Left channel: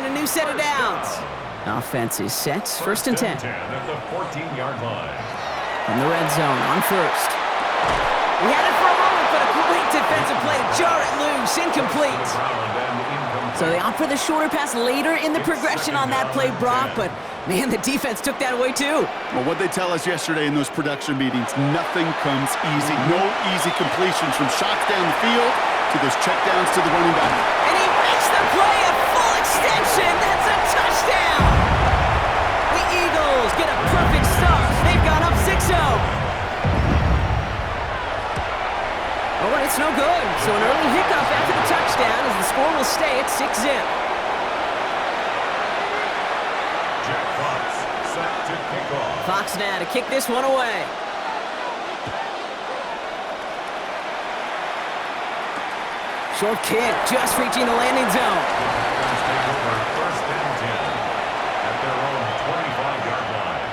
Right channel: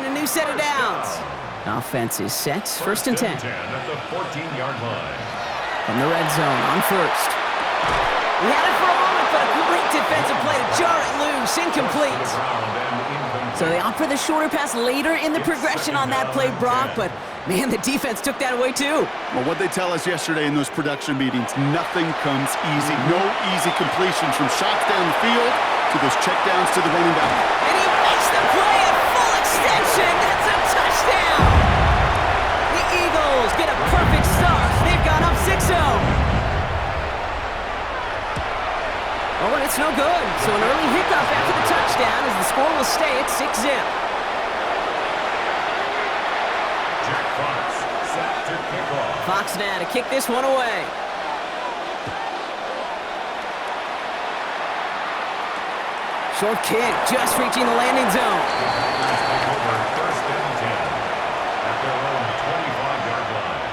and a new set of downs. Offense is set. First and 10. At the 14-yard line. From the red zone on first. He had it for a moment, but a great defensive play to jar it loose. Incomplete. So they opt for the shorter pass later in the progression on that play, Brock, but man, the defense took that away too. Well, what they tell us yesterday in those production meetings, nothing comes easy. No easy completions from shots down the field to those checkdowns to the running back. And he makes the play at full extension. That's a touchdown. The Eagles get a perfect start. They've gone up 6-0. Oh, and it's no good. So an early hiccup after the touchdown as the score will stay at 6-zip. Jack Fox set to kick off. Fox now to kick this one away. Short kick, just reaching the landing zone. The Packers take over first and 10 at their own 25-yard line.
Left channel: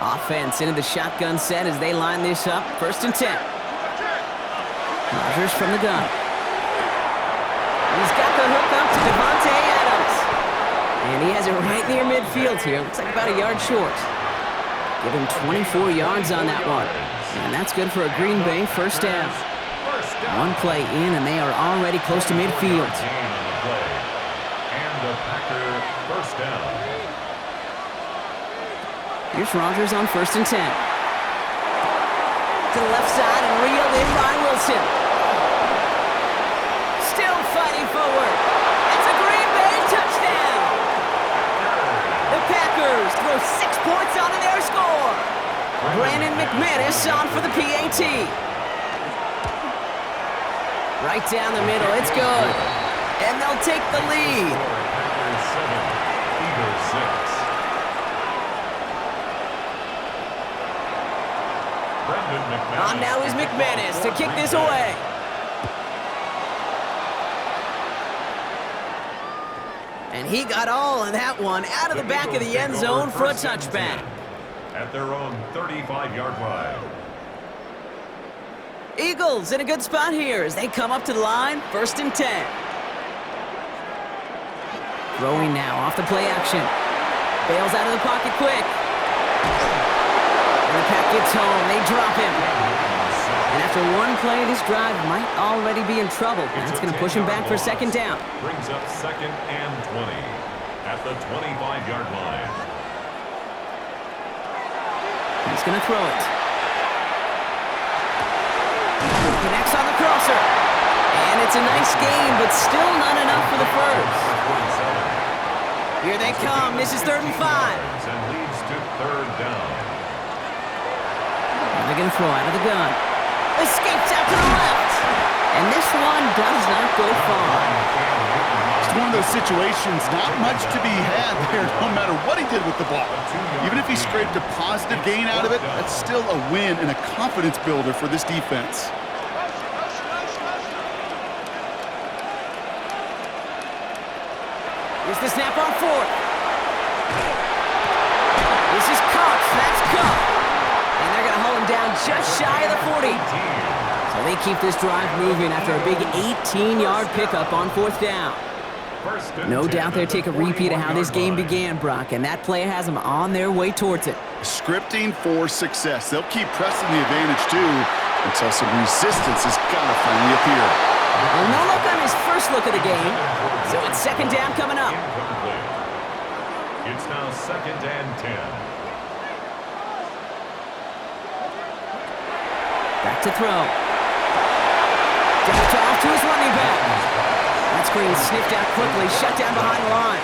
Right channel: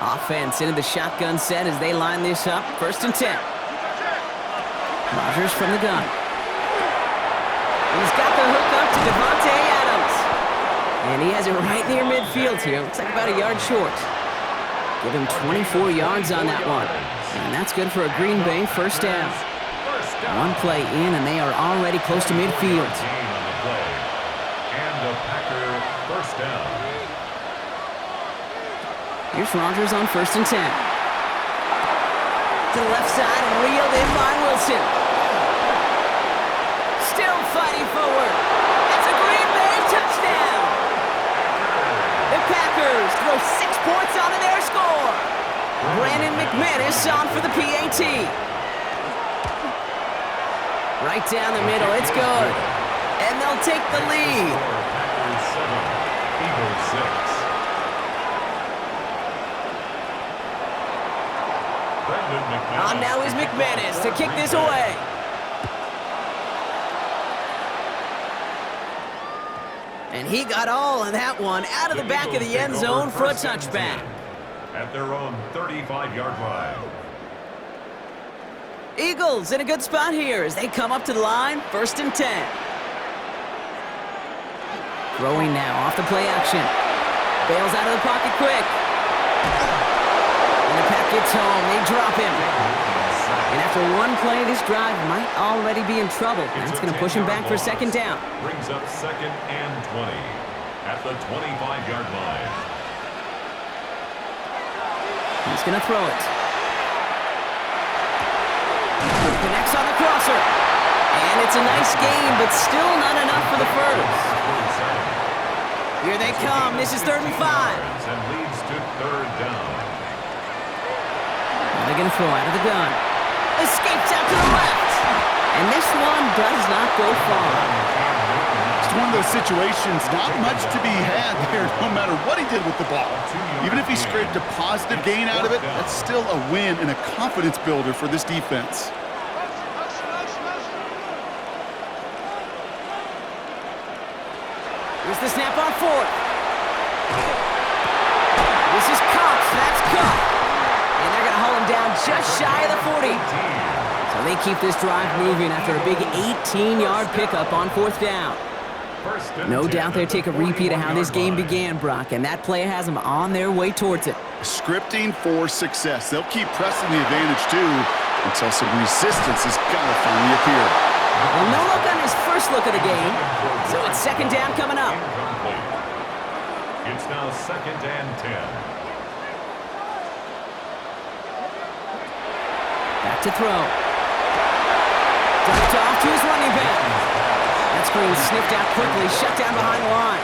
Offense into the shotgun set as they line this up. First and 10. Rodgers from the gun. He's got the hook up to Devontae Adams. And he has it right near midfield here. Looks like about a yard short. Give him 24 yards on that one. And that's good for a Green Bay first down. One play in, and they are already close to midfield. And a Packer first down. Here's Rodgers on first and 10. To the left side and reeled in by Wilson. Still fighting forward. It's a Green Bay touchdown. The Packers throw 6 points onto their score. Brandon McManus on for the PAT. Right down the middle, it's good. And they'll take the lead. Packers 7, Eagles 6. On now is McManus to kick this away. And he got all of that one out of the back of the end zone for a touchback. At their own 35-yard line. Eagles in a good spot here as they come up to the line, first and 10. Throwing now off the play action. Bails out of the pocket quick. And the pack gets home. They drop him. And after one play, this drive might already be in trouble. That's going to push him back for second down. Brings up second and 20 at the 25-yard line. He's going to throw it. Connects on the crosser. And it's a nice gain, but still not enough for the first. Here they come. This is 3rd and 5. And leads to 3rd down. And they're going to throw out of the gun. Escapes out to the left. And this one does not go far. It's one of those situations, not much to be had there, no matter what he did with the ball. Even if he scraped a positive gain out of it, that's still a win and a confidence builder for this defense. Here's the snap on 4th. This is Cox. That's Cup. And they're going to hold him down just shy of the 40. So they keep this drive moving after a big 18-yard pickup on 4th down. No doubt they'll take a repeat of how this game began, Brock, and that play has them on their way towards it. Scripting for success. They'll keep pressing the advantage, too, until some resistance has got to finally appear. Well, no look on his first look of the game, so it's second down coming up. Incomplete. It's now 2nd and 10. Back to throw. Dumped off to his running back. That screen sniffed out quickly, shut down behind the line.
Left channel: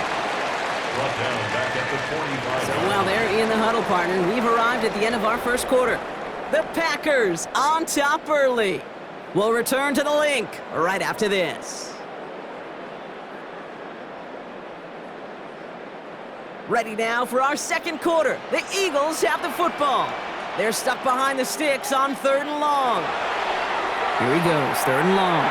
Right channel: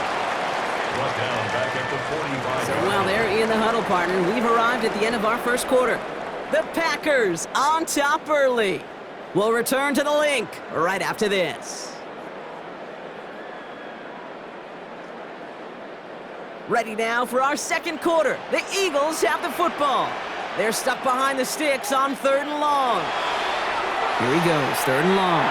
Brought down back at the 45. So while they're in the huddle, partner, we've arrived at the end of our first quarter. The Packers on top early. We'll return to the link right after this. Ready now for our second quarter. The Eagles have the football. They're stuck behind the sticks on 3rd and long. Here he goes, 3rd and long.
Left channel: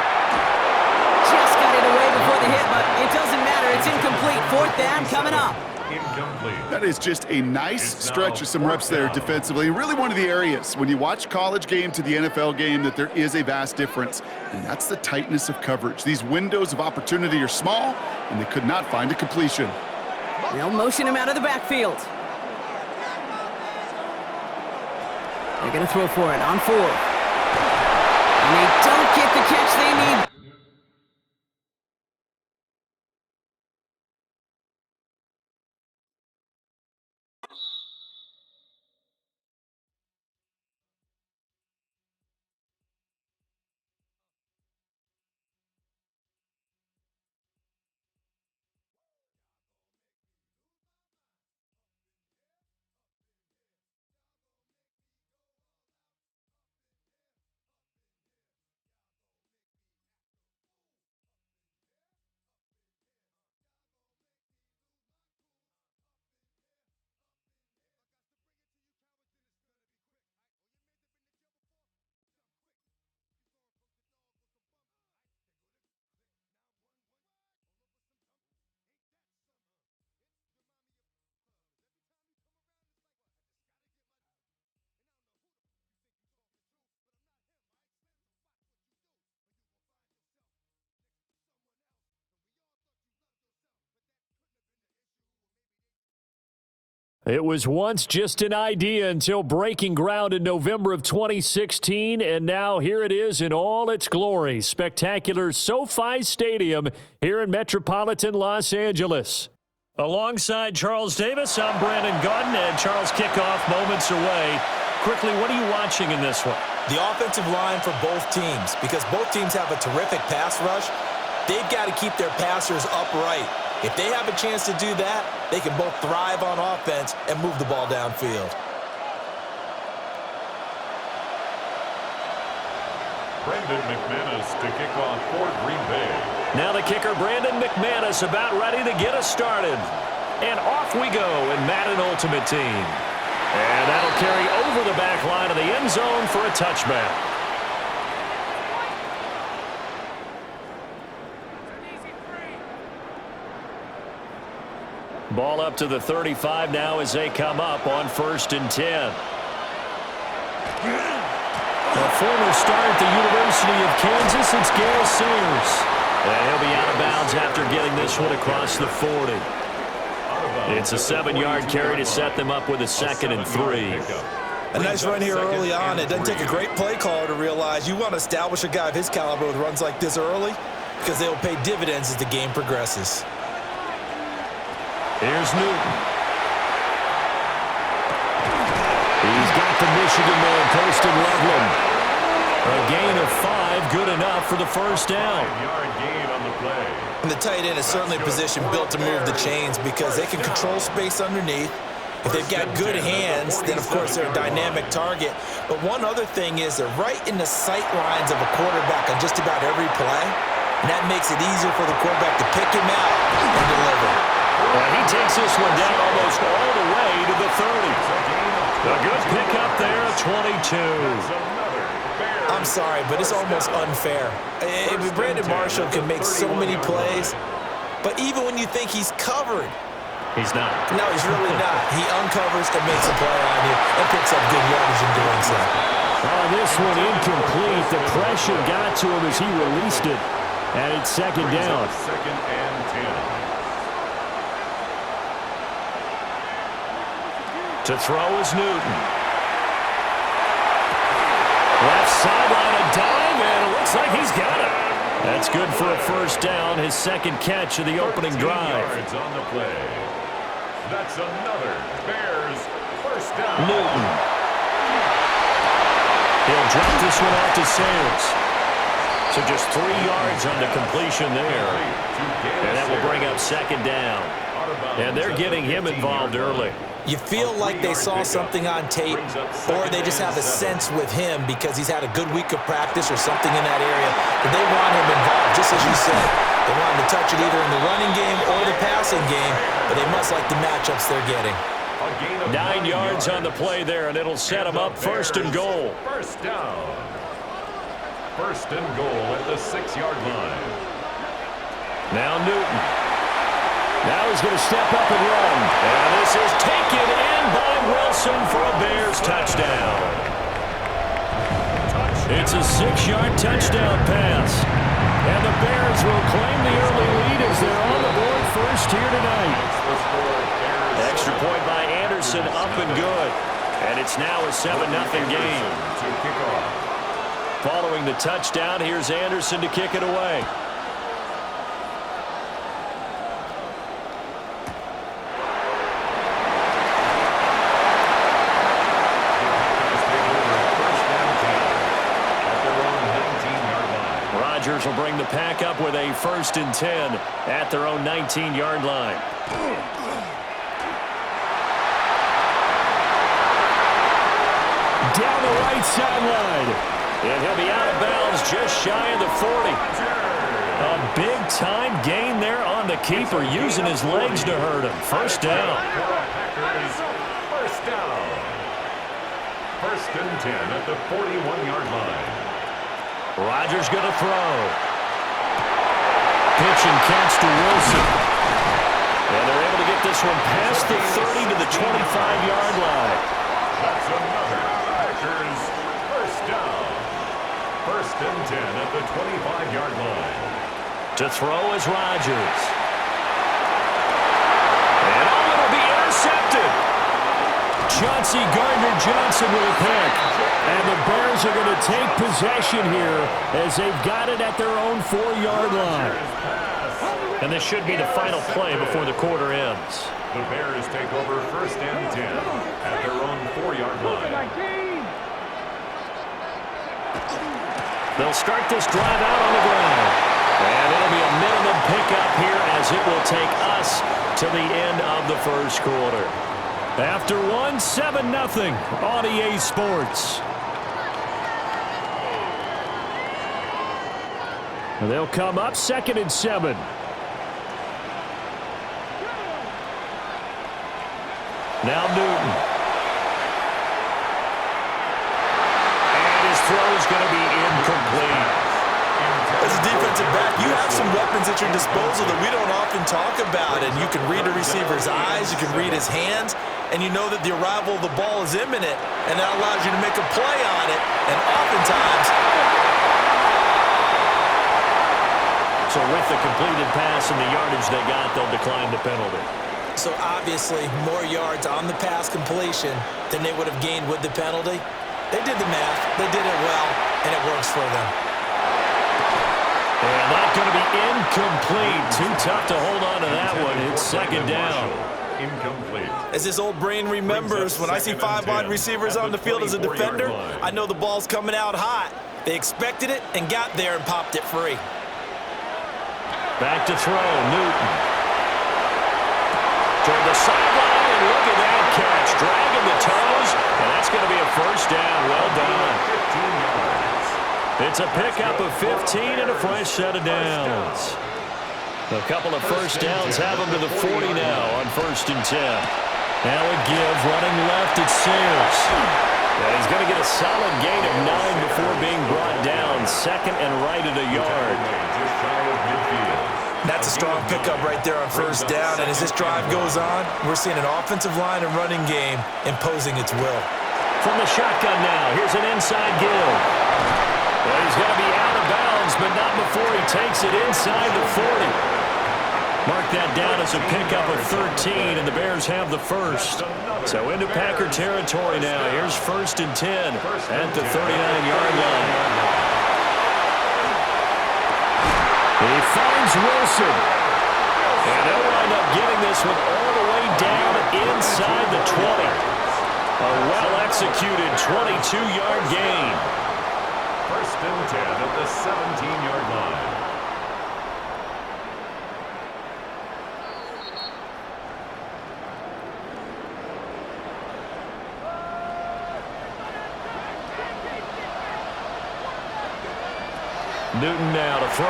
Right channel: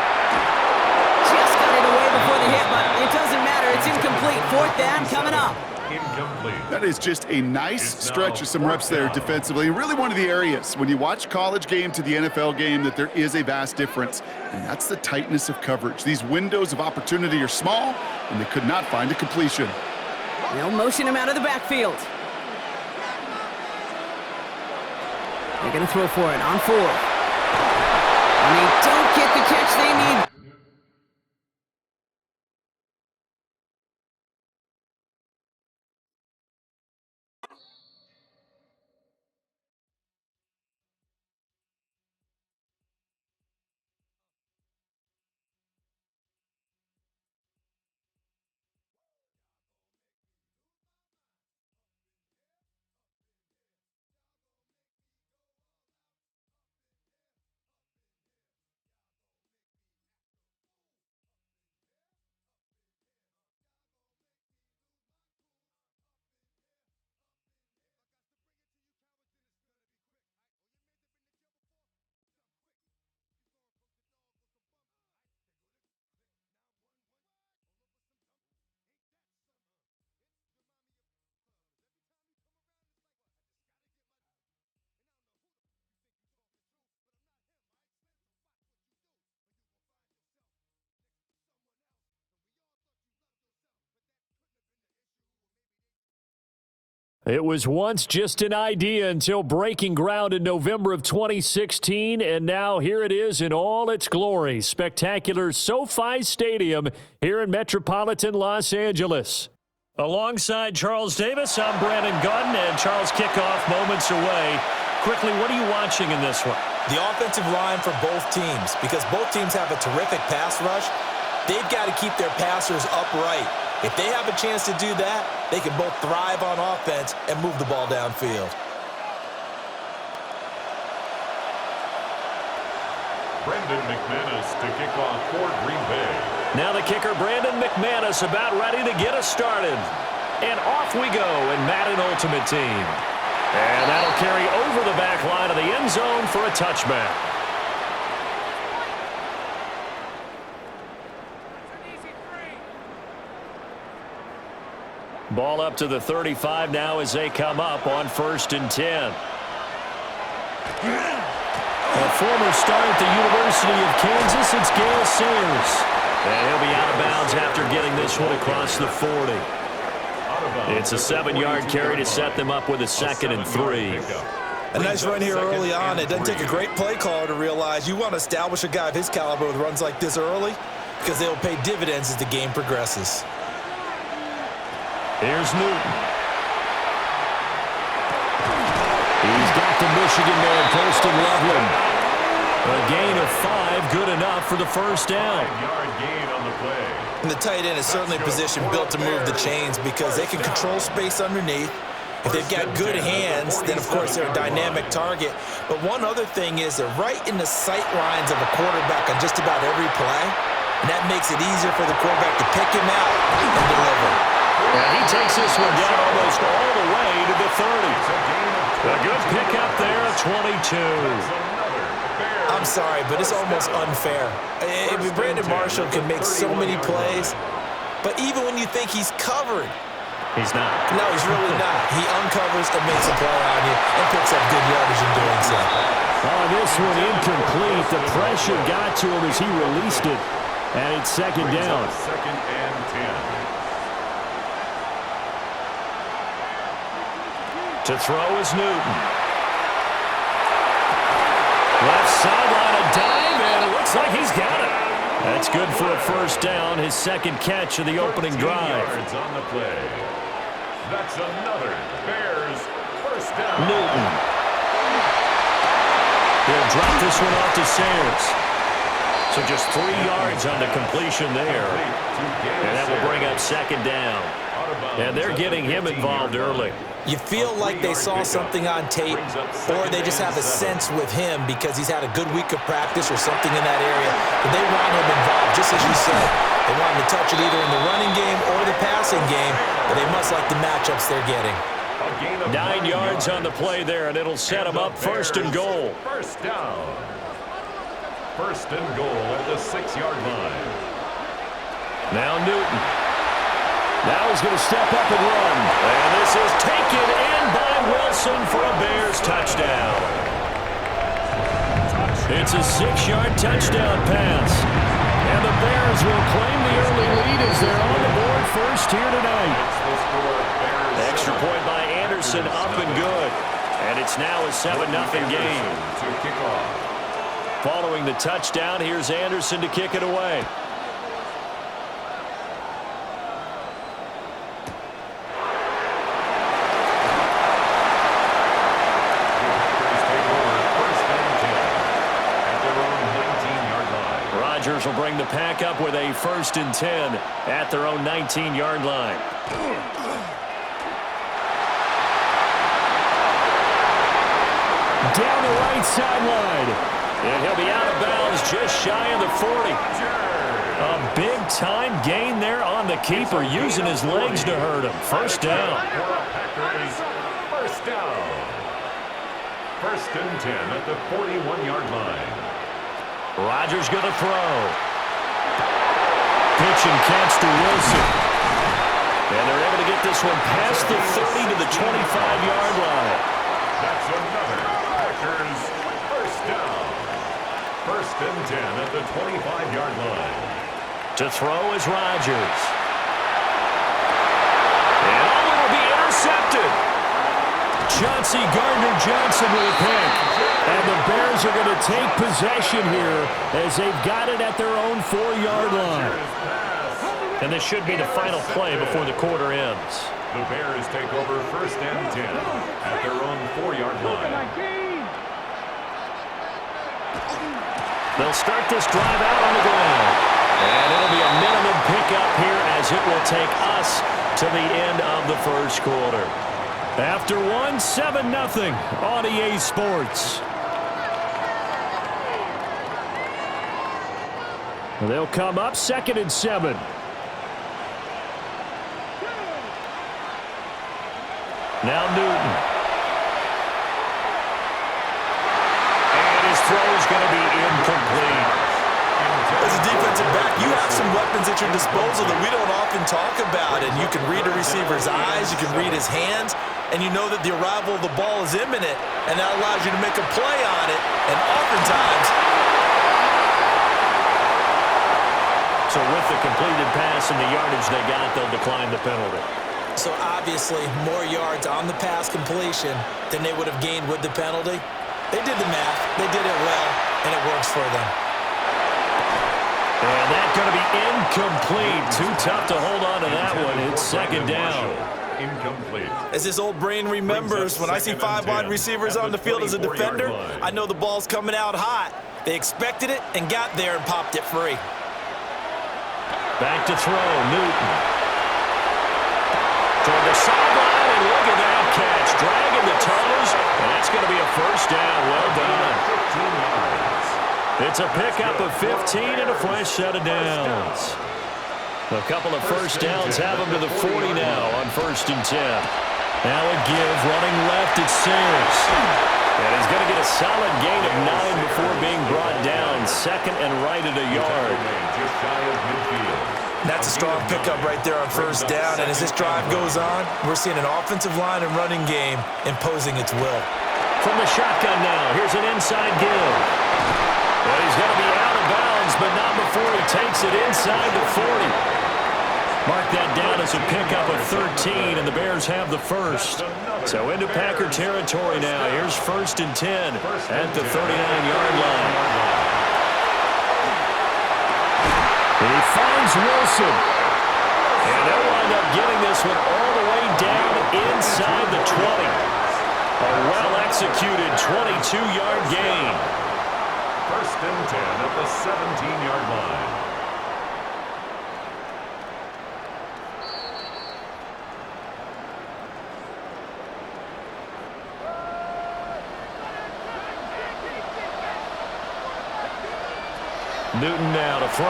Just got it away before the hit, but it doesn't matter. It's incomplete. 4th down coming up. incomplete. That is just a nice stretch of some reps there defensively. Really one of the areas when you watch college game to the NFL game that there is a vast difference, and that's the tightness of coverage. These windows of opportunity are small, and they could not find a completion. They'll motion him out of the backfield. They're going to throw for it on 4. And they don't get the catch they need. It was once just an idea until breaking ground in November of 2016, and now here it is in all its glory. Spectacular SoFi Stadium here in metropolitan Los Angeles. Alongside Charles Davis, I'm Brandon Gaudin, and Charles, kickoff moments away. Quickly, what are you watching in this one? The offensive line for both teams, because both teams have a terrific pass rush. They've got to keep their passers upright. If they have a chance to do that, they can both thrive on offense and move the ball downfield. Brendan McManus to kick off for Green Bay. Now the kicker, Brandon McManus, about ready to get us started. And off we go in Madden Ultimate Team. And that'll carry over the back line of the end zone for a touchback. Ball up to the 35 now as they come up on 1st and 10. A former star at the University of Kansas, it's Gale Sayers. And he'll be out of bounds after getting this one across the 40. It's a 7-yard carry to set them up with a 2nd and 3. A nice run here early on. It doesn't take a great play caller to realize you want to establish a guy of his caliber with runs like this early, because they'll pay dividends as the game progresses. Here's Newton. He's got the Michigan man, Colston Loveland. A gain of 5, good enough for the first down. 5-yard gain on the play. And the tight end is certainly a position built to move the chains because they can control space underneath. If they've got good hands, then of course they're a dynamic target. But one other thing is they're right in the sight lines of a quarterback on just about every play. And that makes it easier for the quarterback to pick him out and deliver. And he takes this one down almost all the way to the 30. A good pickup there, 22. I'm sorry, but it's almost unfair. Brandon Marshall can make so many plays, but even when you think he's covered, he's not. No, he's really not. He uncovers and makes a play on you and picks up good yardage in doing so. Oh, this one incomplete. The pressure got to him as he released it, and it's 2nd down. 2nd and 10. To throw is Newton. Left sideline, a dive, and it looks like he's got it. That's good for a first down, his 2nd catch of the opening drive. Yards on the play. That's another Bears first down. Newton. He'll drop this one off to Sayers. So just 3 yards on the completion there. And that will bring up 2nd down. And they're getting him involved early. You feel like they saw something on tape, or they just have a sense with him because he's had a good week of practice or something in that area. But they want him involved, just as you said. They want him to touch it either in the running game or the passing game, but they must like the matchups they're getting. 9 yards on the play there, and it'll set him up 1st and goal. First down. 1st and goal at the 6-yard line. Now Newton. Now he's going to step up and run. And this is taken in by Wilson for a Bears touchdown. It's a 6-yard touchdown pass. And the Bears will claim the early lead as they're on the board first here tonight. Extra point by Anderson, up and good. And it's now a 7-0 game. Following the touchdown, here's Anderson to kick it away. Rodgers will bring the pack up with a 1st and 10 at their own 19-yard line. Down the right sideline. And he'll be out of bounds just shy of the 40. A big-time gain there on the keeper, using his legs to hurt him. First down. First down. 1st and 10 at the 41-yard line. Rodgers going to throw. Pitch and catch to Wilson. And they're able to get this one past the 30 to the 25-yard line. That's another Packers first down. 1st and 10 at the 25-yard line. To throw is Rodgers. And it'll be intercepted. Chauncey Gardner-Johnson with a pick. And the Bears are going to take possession here as they've got it at their own 4-yard line. And this should be the final play before the quarter ends. The Bears take over 1st and 10 at their own 4-yard line. They'll start this drive out on the ground. And it'll be a minimum pickup here as it will take us to the end of the first quarter. After 7-0 on EA Sports. They'll come up 2nd and 7. Now Newton. And his throw is going to be incomplete. As a defensive back, you have some weapons at your disposal that we don't often talk about. And you can read a receiver's eyes, you can read his hands, and you know that the arrival of the ball is imminent, and that allows you to make a play on it. And oftentimes... So with the completed pass and the yardage they got, they'll decline the penalty. So obviously, more yards on the pass completion than they would have gained with the penalty. They did the math, they did it well, and it works for them. And that's going to be incomplete. Too tough to hold on to that one. It's 2nd down. Incomplete. As this old brain remembers, when I see 5 wide receivers on the field as a defender, I know the ball's coming out hot. They expected it and got there and popped it free. Back to throw, Newton. Toward the sideline, and look at that catch. Dragging the toes, and that's going to be a 1st down. Well done. 15 yards. It's a pickup of 15 and a fresh set of downs. A couple of 1st downs have them to the 40 now on 1st and 10. Now a give, running left, it's Sayers. And he's going to get a solid gain of 9 before being brought down. 2nd and right at a yard. Just shy of midfield. That's a strong pickup right there on 1st down. And as this drive goes on, we're seeing an offensive line and running game imposing its will. From the shotgun now, here's an inside give. Well, he's going to be out of bounds, but not before he takes it inside the 40. Mark that down as a pickup of 13, and the Bears have the 1st. So into Packer territory now. Here's 1st and 10 at the 39-yard line. He finds Wilson. And they'll wind up getting this one all the way down inside the 20. A well-executed 22-yard gain. 1st and 10 at the 17-yard line. Newton now to throw.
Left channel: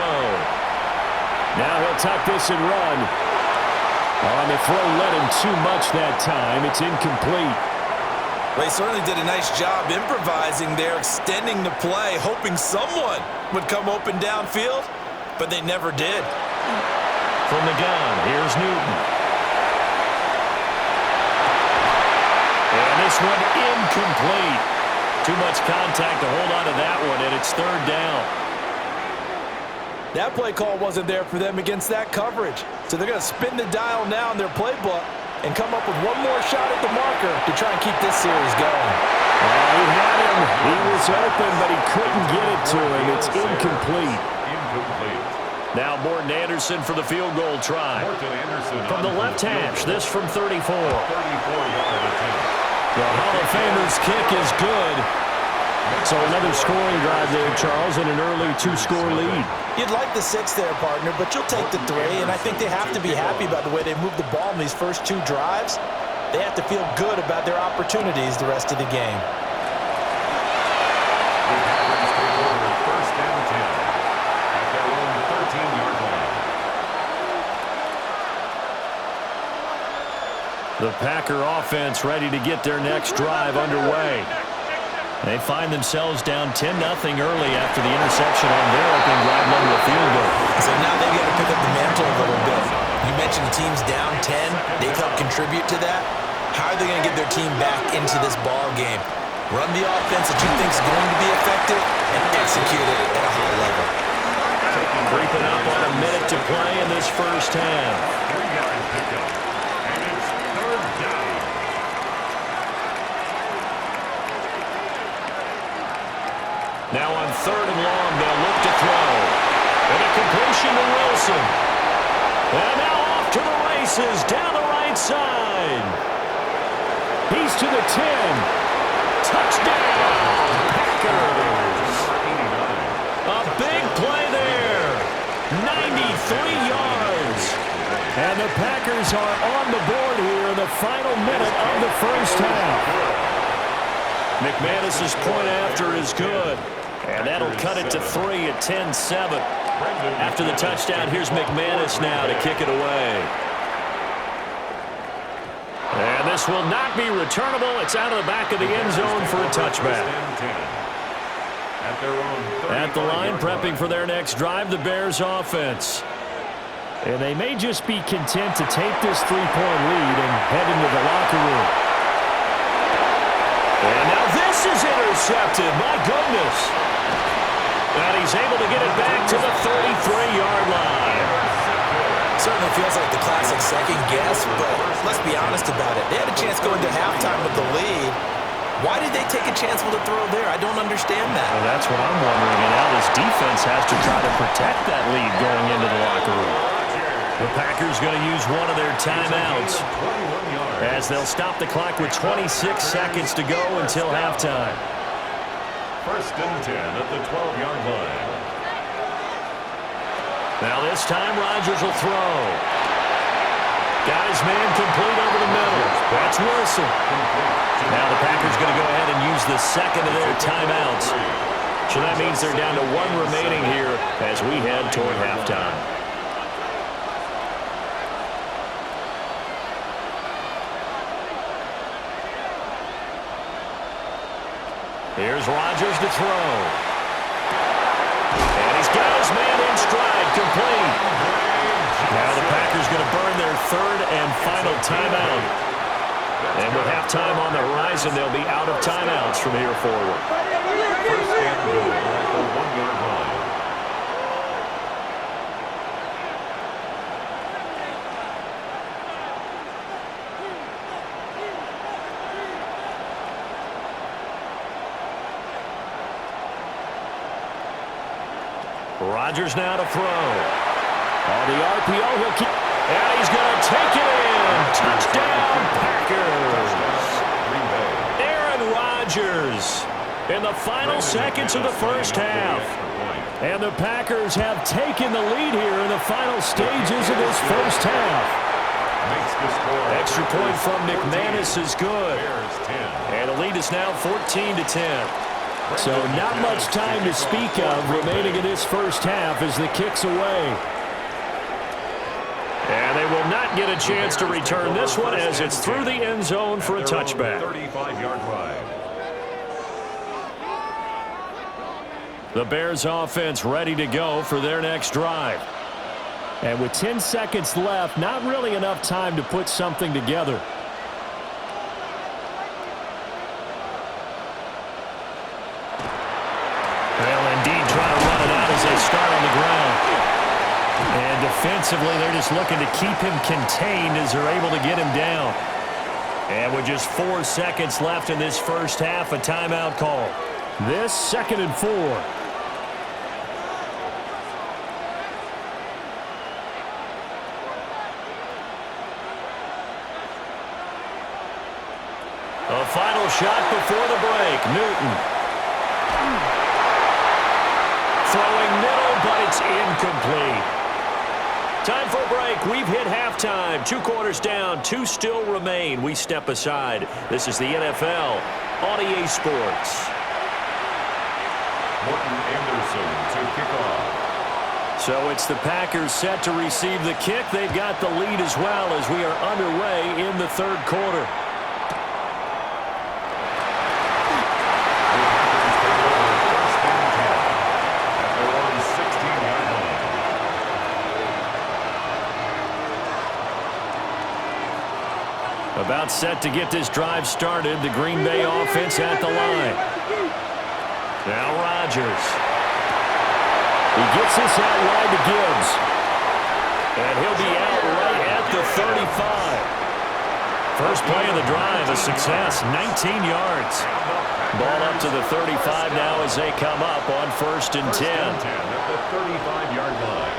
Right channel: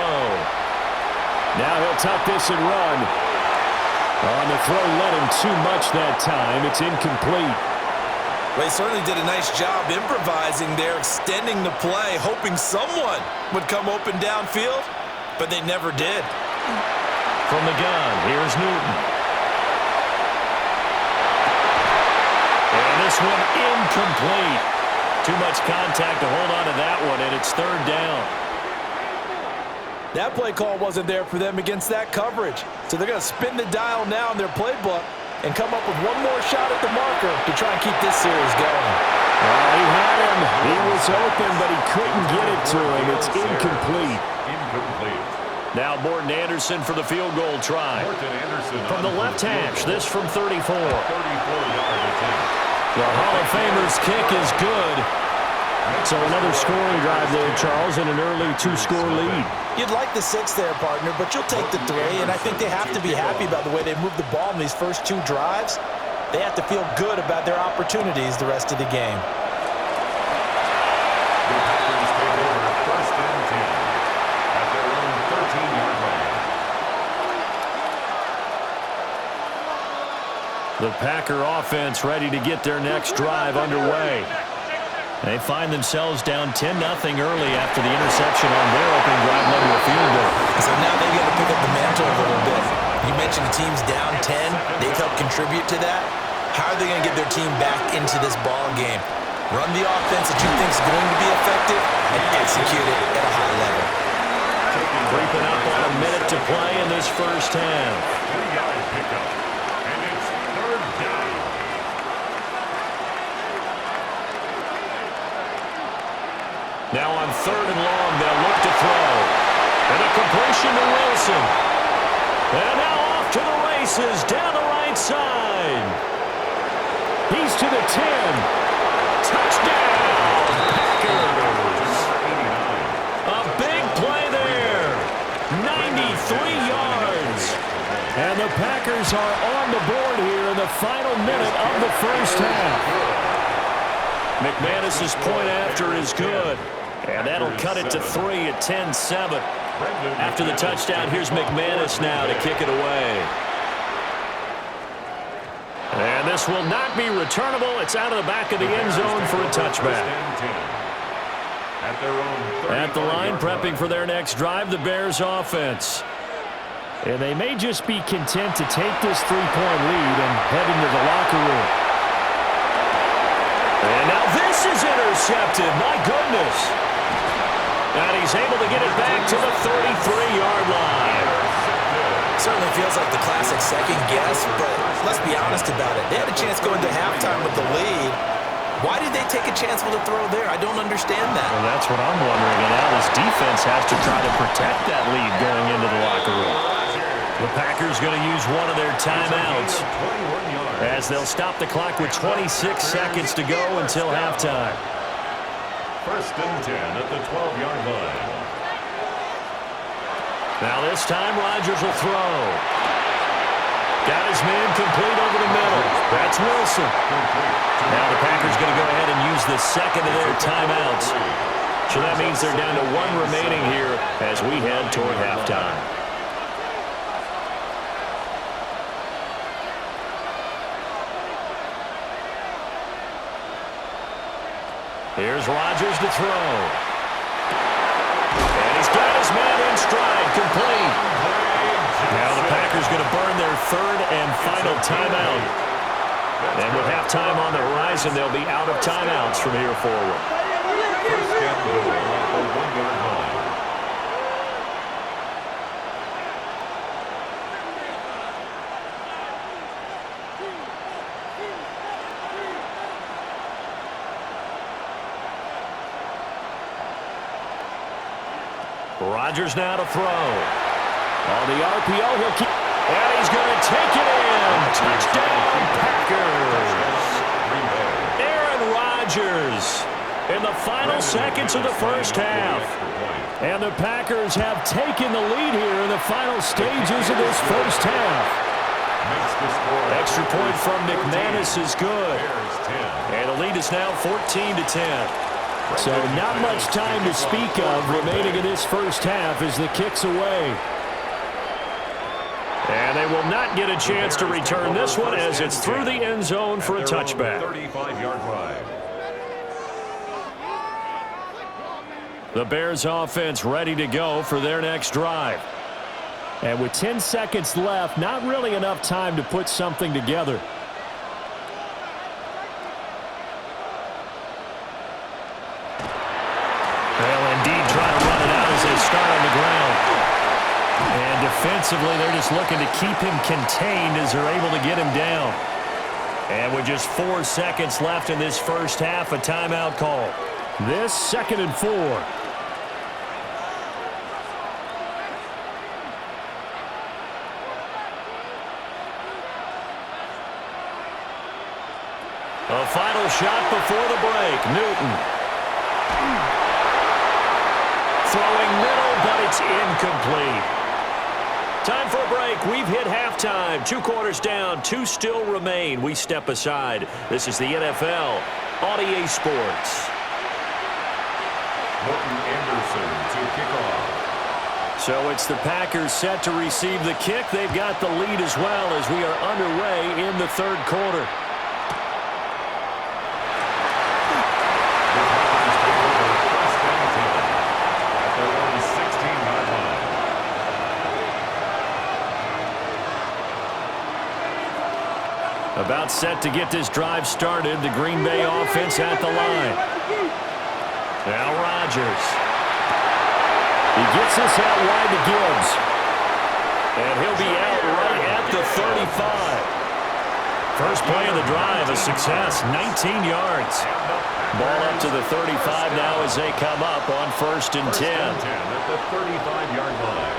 Now he'll tuck this and run. On the throw, led him too much that time. It's incomplete. Well, he certainly did a nice job improvising there, extending the play, hoping someone would come open downfield, but they never did. From the gun, here's Newton. And this one incomplete. Too much contact to hold on to that one, and it's third down. That play call wasn't there for them against that coverage. So they're going to spin the dial now in their playbook and come up with one more shot at the marker to try and keep this series going. He had him. He was open, but he couldn't get it to him. It's incomplete. Now Morton Anderson for the field goal try. From the left hash, this from 34. 34-yard attempt. The Hall of Famer's kick is good. So another scoring drive there, Charles, and an early two-score lead. You'd like the 6 there, partner, but you'll take the 3, and I think they have to be happy about the way they moved the ball in these first 2 drives. They have to feel good about their opportunities the rest of the game. The Packers take over first and 10 at their own 13-yard line. The Packer offense ready to get their next drive underway. They find themselves down 10-0 early after the interception on their opening drive led to a field goal. So now they've got to pick up the mantle a little bit. You mentioned the team's down 10. They've helped contribute to that. How are they going to get their team back into this ball game? Run the offense that you think is going to be effective and execute it at a high level. Creeping up on a minute to play in this first half. 3-yard pickup, and it's third down. Now on third and long, they'll look to throw. And a completion to Wilson. And now off to the races down the right side. He's to the 10. Touchdown, Packers. A big play there. 93 yards. And the Packers are on the board here in the final minute of the first half. McManus's point after is good. And that'll cut it to 3 at 10-7. After the touchdown, here's McManus now to kick it away. And this will not be returnable. It's out of the back of the end zone for a touchback. At the line, prepping for their next drive, the Bears offense. And they may just be content to take this 3-point lead and head into the locker room. And now this is intercepted. My goodness. And he's able to get it back to the 33-yard line. Certainly feels like the classic second guess, but let's be honest about it. They had a chance going to halftime with the lead. Why did they take a chance with a throw there? I don't understand that. Well, that's what I'm wondering. And now this defense has to try to protect that lead going into the locker room. The Packers going to use one of their timeouts as they'll stop the clock with 26 seconds to go until halftime. First and 10 at the 12-yard line. Now this time Rodgers will throw. Got his man complete over the middle. That's Wilson. Now the Packers going to go ahead and use the second of their timeouts. So that means they're down to 1 remaining here as we head toward halftime. Here's Rodgers to throw. And he's got his man in stride, complete. Now the Packers going to burn their third and final timeout. And with halftime on the horizon, they'll be out of timeouts from here forward. First and goal at the 1-yard line. Rodgers now to throw. On the RPO, he'll keep. And he's going to take it in. Touchdown, Packers. Aaron Rodgers in the final seconds of the first half. And the Packers have taken the lead here in the final stages of this first half. Extra point from McManus is good. And the lead is now 14-10. So not much time to speak of remaining in this first half as the kick's away. And they will not get a chance to return this one as it's through the end zone for a touchback. 35-yard line. The Bears offense ready to go for their next drive. And with 10 seconds left, not really enough time to put something together. They'll indeed try to run it out as they start on the ground. And defensively, they're just looking to keep him contained as they're able to get him down. And with just 4 seconds left in this first half, a timeout call. This 2nd and 4. A final shot before the break. Newton. Throwing middle, but it's incomplete. Time for a break. We've hit halftime. 2 quarters down. 2 still remain. We step aside. This is the NFL on EA Sports. Morton Anderson to kick off. So it's the Packers set to receive the kick. They've got the lead as well as we are underway in the 3rd quarter. About set to get this drive started. The Green Bay offense at the line. Now Rodgers. He gets this out wide to Gibbs. And he'll be out right at the 35. First play of the drive, a success, 19 yards. Ball up to the 35 now as they come up on 1st and 10. 1st and 10 at the 35-yard line.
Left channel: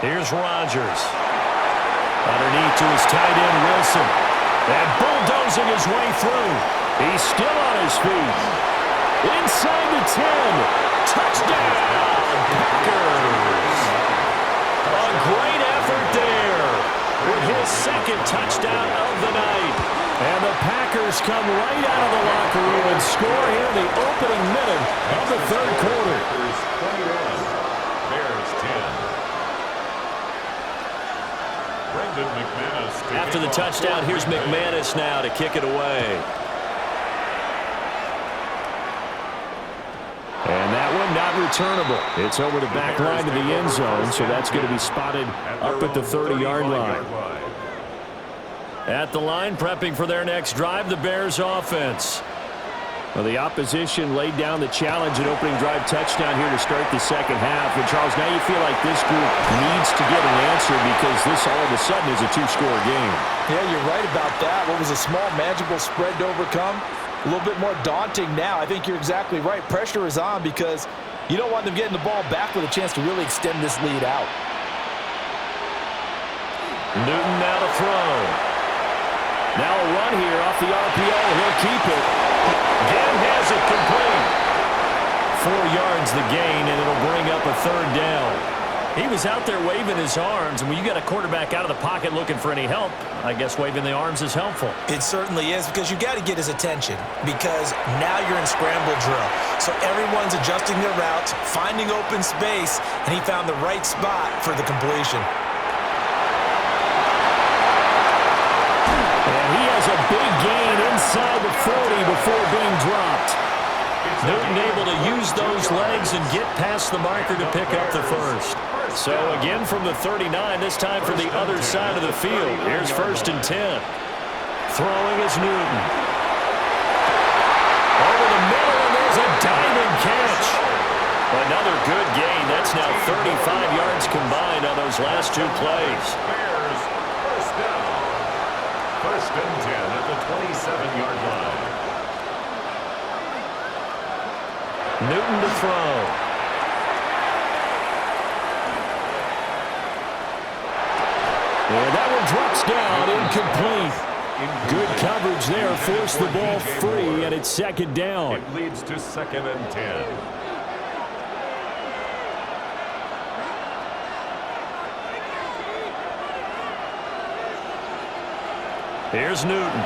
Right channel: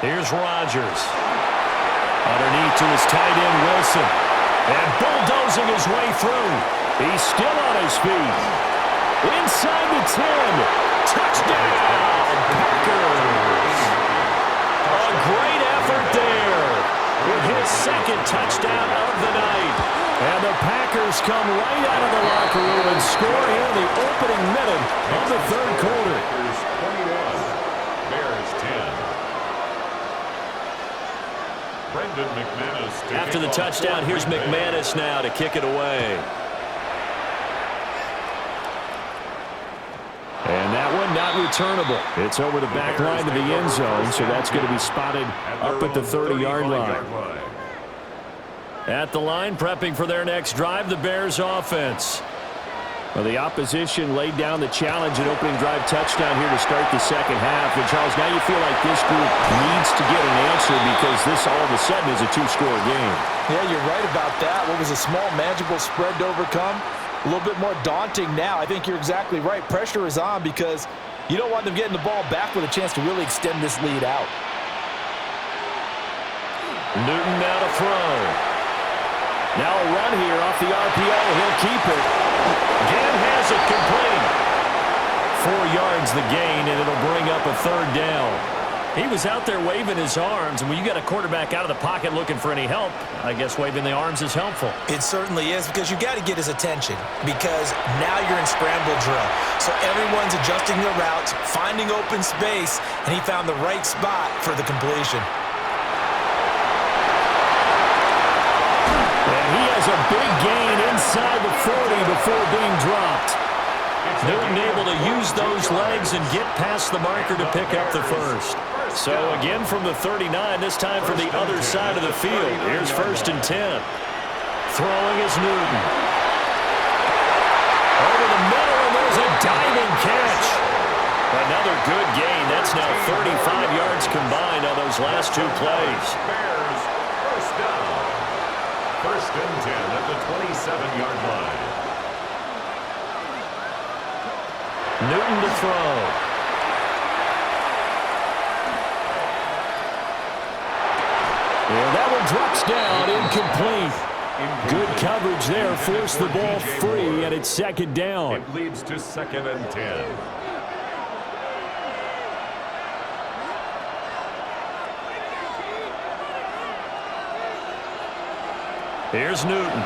Here's Rodgers. Underneath to his tight end, Wilson. And bulldozing his way through. He's still on his feet. Inside the 10. Touchdown, Packers. A great effort there with his 2nd touchdown of the night. And the Packers come right out of the locker room and score here in the opening minute of the 3rd quarter. Packers 21, Bears 10. After the touchdown, here's McManus now to kick it away. And that one not returnable. It's over the back line to the end zone, so that's going to be spotted up at the 30-yard line. At the line, prepping for their next drive, the Bears offense. Well, the opposition laid down the challenge and opening drive touchdown here to start the 2nd half. And, Charles, now you feel like this group needs to get an answer because this all of a sudden is a 2-score game. Yeah, you're right about that. What was a small, manageable spread to overcome? A little bit more daunting now. I think you're exactly right. Pressure is on because you don't want them getting the ball back with a chance to really extend this lead out. Newton now to throw. Now a run here off the RPO. He'll keep it. Gann has it complete. 4 yards the gain, and it'll bring up a 3rd down. He was out there waving his arms, and when you got a quarterback out of the pocket looking for any help, I guess waving the arms is helpful. It certainly is because you got to get his attention because now you're in scramble drill. So everyone's adjusting their routes, finding open space, and he found the right spot for the completion. And he has a big gain inside the 40 before being dropped. Newton able to use those legs and get past the marker to pick up the 1st. So again from the 39, this time from the other side of the field. Here's 1st and 10. Throwing is Newton. Over the middle, and there's a diving catch. Another good gain. That's now 35 yards combined on those last 2 plays. Bears, 1st down. 1st and 10 at the 27-yard line. Newton to throw. And that one drops down, incomplete. Good coverage there, forced the ball free, and it's 2nd down. It leads to 2nd and 10. Here's Newton.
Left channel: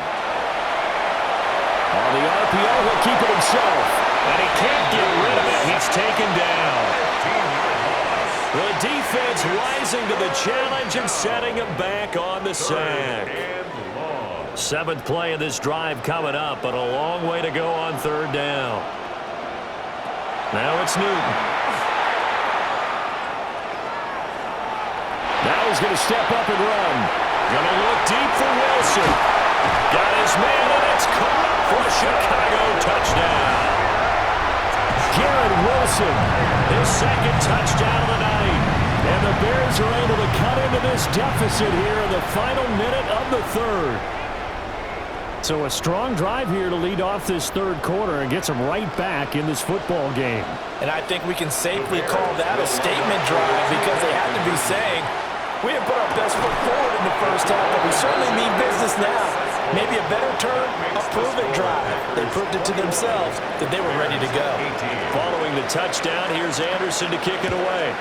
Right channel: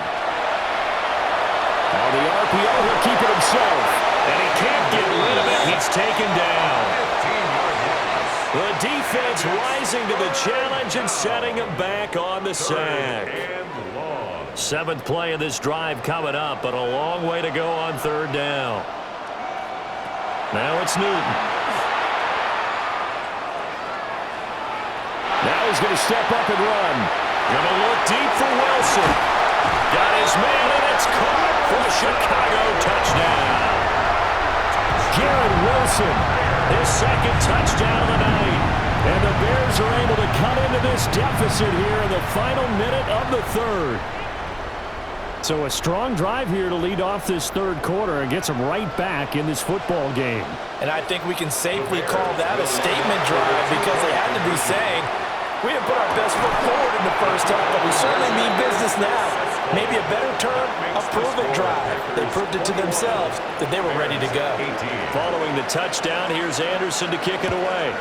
On the RPO, he'll keep it himself. And he can't get rid of it. He's taken down. 15-yard loss. The defense rising to the challenge and setting him back on the sack. 7th play of this drive coming up, but a long way to go on 3rd down. Now it's Newton. he's going to step up and run. Going to look deep for Wilson. Got his man, and it's caught for a Chicago touchdown. Garrett Wilson, his second touchdown of the night. And the Bears are able to cut into this deficit here in the final minute of the third. So a strong drive here to lead off this third quarter and gets them right back in this football game. And I think we can safely call that a statement drive because they had to be saying, we didn't put our best foot forward in the first half, but we certainly mean business now. Maybe a better term, a prove-it drive. They proved it to themselves that they were ready to go. Following the touchdown, here's Anderson to kick it away.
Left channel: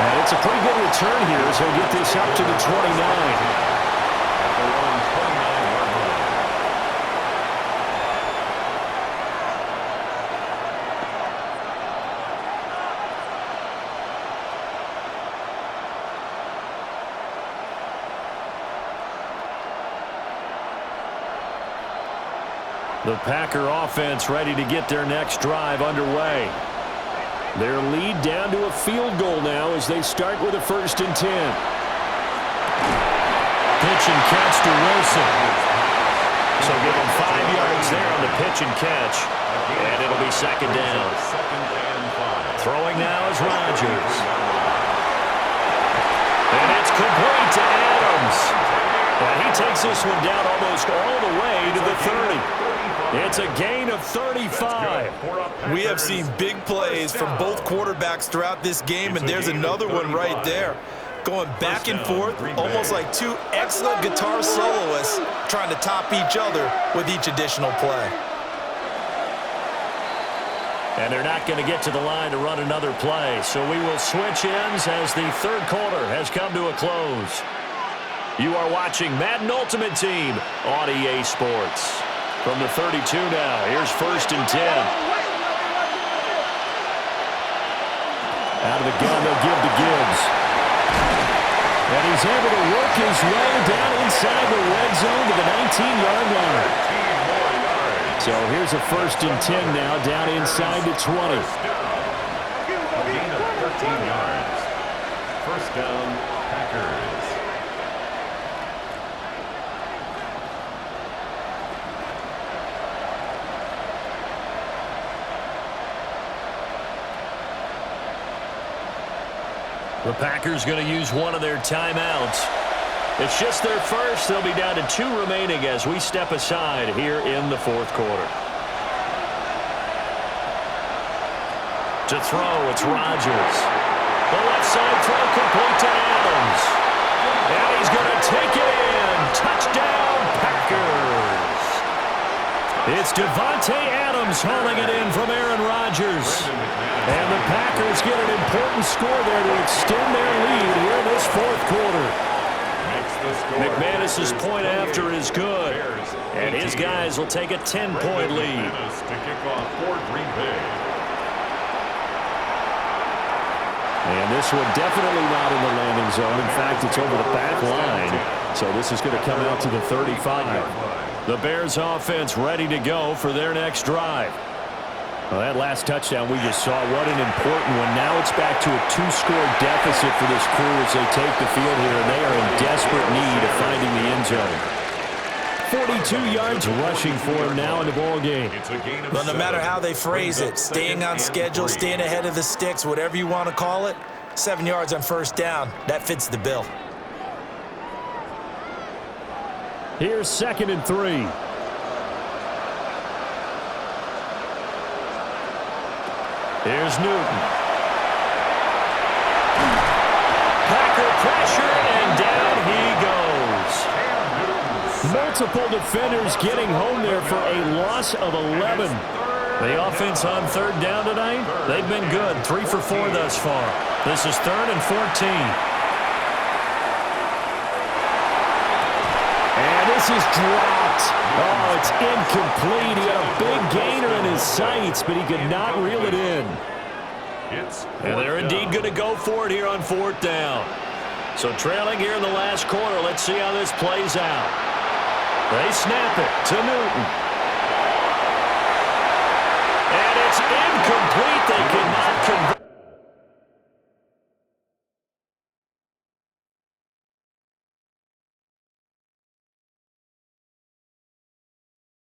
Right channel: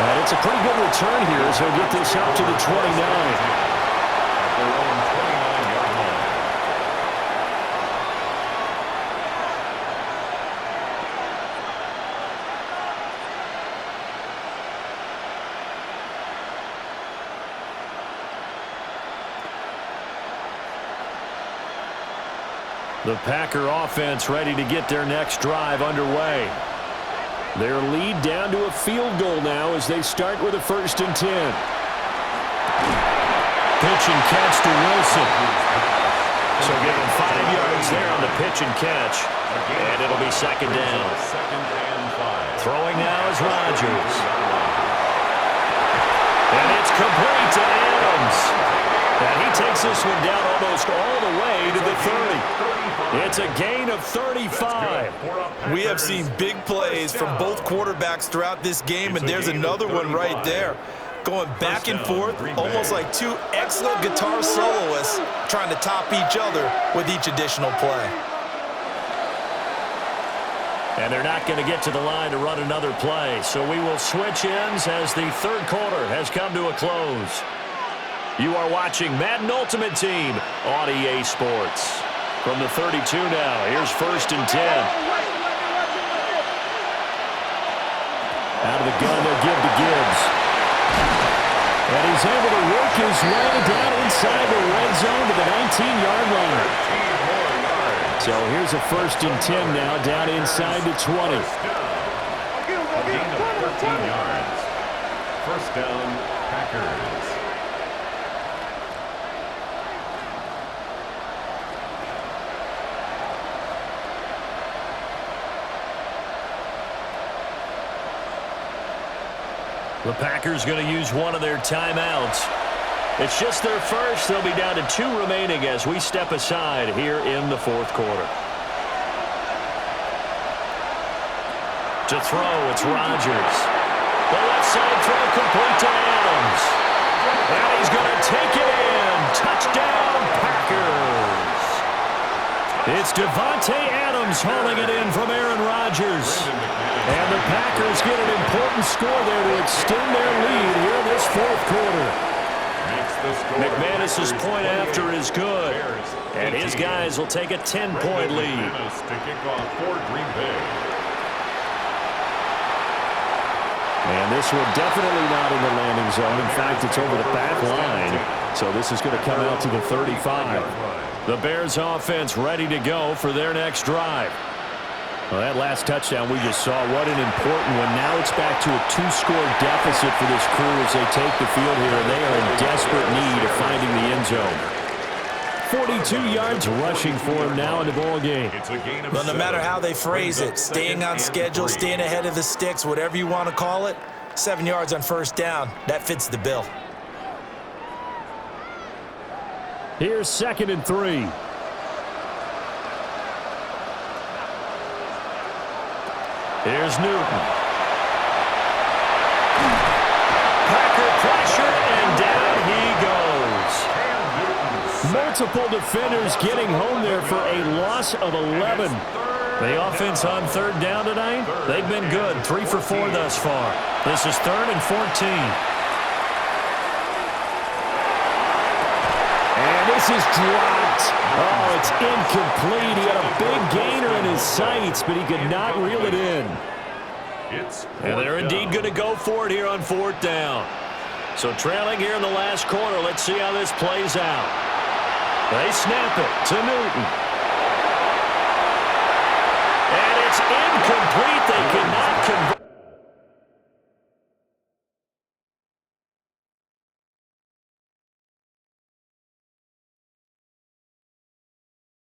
And it's a pretty good return here as he'll get this up to the 29. At their own 29-yard line. The Packer offense ready to get their next drive underway. Their lead down to a field goal now as they start with a 1st and 10. Pitch and catch to Wilson. So give them 5 yards there on the pitch and catch. And it'll be 2nd down. Throwing now is Rodgers. And it's complete to Adams. And he takes this one down almost all the way to the 30. It's a gain of 35. We have seen big plays from both quarterbacks throughout this game, and there's another one right there. Going back and forth, almost like two excellent guitar soloists trying to top each other with each additional play. And they're not going to get to the line to run another play, so we will switch ends as the third quarter has come to a close. You are watching Madden Ultimate Team on EA Sports. From the 32 now, here's 1st and 10. Out of the gun, they'll give to Gibbs. And he's able to work his way down inside the red zone to the 19-yard line. So here's a 1st and 10 now, down inside the 20. A gain of 13 yards. 1st down, Packers. The Packers going to use one of their timeouts. It's just their first. They'll be down to 2 remaining as we step aside here in the 4th quarter. To throw, it's Rodgers. The left side throw complete to Adams. And he's going to take it in. Touchdown, Packers. It's Davante Adams hauling it in from Aaron Rodgers. And the Packers get an important score there to extend their lead here in this 4th quarter. McManus's point after is good. And his guys will take a 10-point lead. To kick off for Green Bay. And this one definitely not in the landing zone. In fact, it's over the back line. So this is going to come out to the 35. The Bears offense ready to go for their next drive. Well, that last touchdown we just saw, what an important one. Now it's back to a 2-score deficit for this crew as they take the field here, and they are in desperate need of finding the end zone. 42 yards rushing for him now in the ball game. Well, no matter how they phrase it, staying on schedule, staying ahead of the sticks, whatever you want to call it, 7 yards on 1st down, that fits the bill. Here's 2nd and 3. Here's Newton. Packer pressure, and down he goes. Multiple defenders getting home there for a loss of 11. The offense on 3rd down tonight, they've been good. 3 for 4 thus far. This is 3rd and 14. And this is dropped. Oh, it's incomplete. He had a big gainer in his sights, but he could not reel it in. And they're indeed going to go for it here on 4th down. So trailing here in the last quarter, let's see how this plays out. They snap it to Newton. Incomplete. They cannot convert.